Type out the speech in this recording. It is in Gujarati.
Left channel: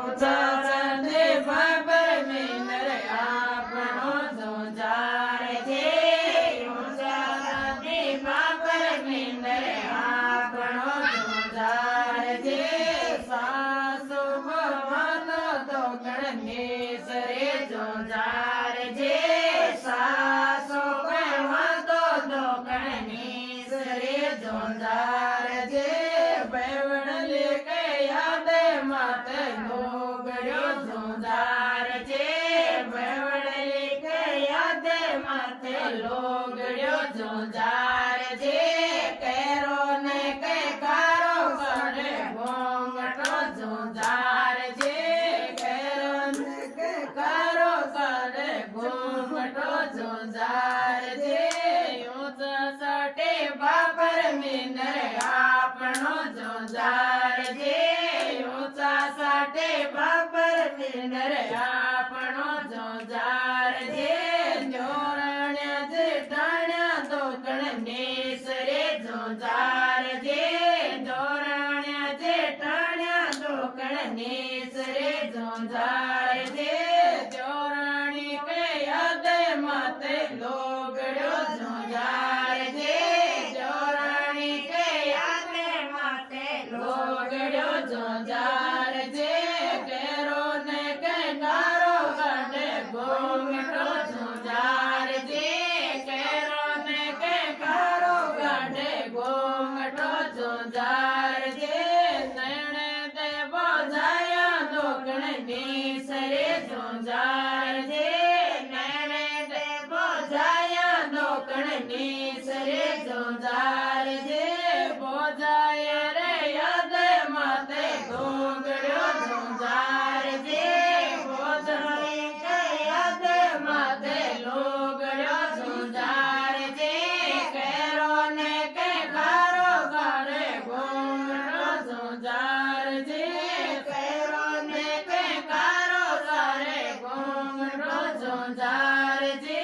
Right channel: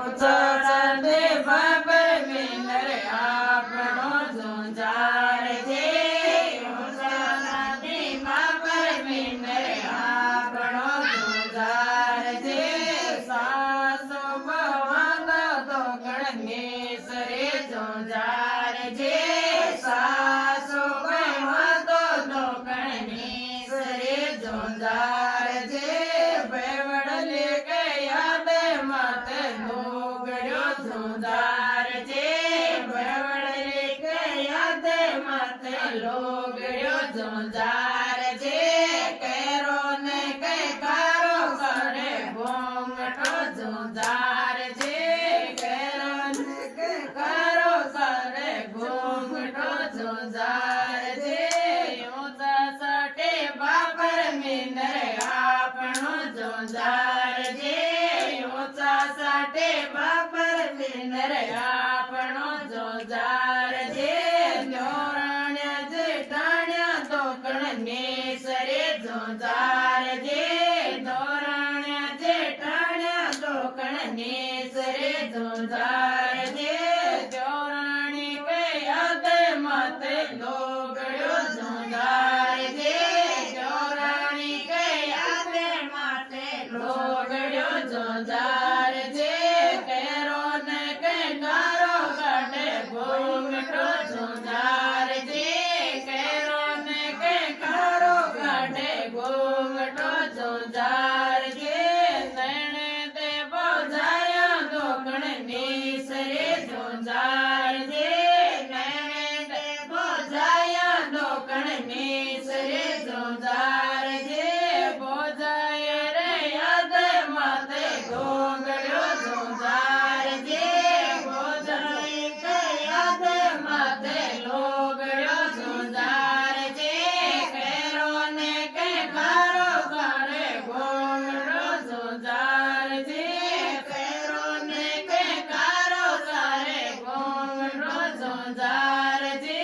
ચરણે બાબર મિનર આપણો જોજાર છે ચરણે બાબર મિનર આપણો જોજાર છે સાસુ ભવન તો ગણેશરે જોજાર છે સાસુ ભવન તો ગણેશરે જોજાર છે બેવડલે કે યાદ માતે ગોગડ્યો જોજાર છે બેવડલે કે યાદ માતે લોગડ્યો જોજાર છે કેરો ને કે કારો કરે ઘોંઘટો જોજાર છે કેરો ને કે કારો કરે ઘોંઘટો જોજાર છે ઊંચા સટે બાબર મિનર આપણો જોજાર છે ઊંચા સટે બાબર મિનર આપણો જોજાર છે ધોરણ્યા જેઠાણ્યા તો ગણેશરે જોજાર છે ધોરણ્યા જેઠાણ્યા તો ગણેશરે જોજાર છે ધોરણી કે યાદ માતે લોગડ્યો જોજાર છે ધોરણી કે યાદ માતે લોગડ્યો જોજાર છે કેરો ને કે કારો કાઢે ઘોંઘટો જોજાર છે કેરો ને કે કારો કાઢે ઘોંઘટો જોજાર છે નૈણે દેવો જાયા તો ગણેશરે જોજાર છે નૈણે દેવો જાયા તો ગણેશરે જોજાર છે બોજાય રે યાદ માતે ઘોંઘડ્યો જોજાર છે બોજાય કે યાદ માતે લોગડ્યો જોજાર છે કેરો ને કે કારો કાઢે ઘોંઘડો જોજાર છે કેરો ને કે કારો કાઢે ઘોંઘડો જોજાર છે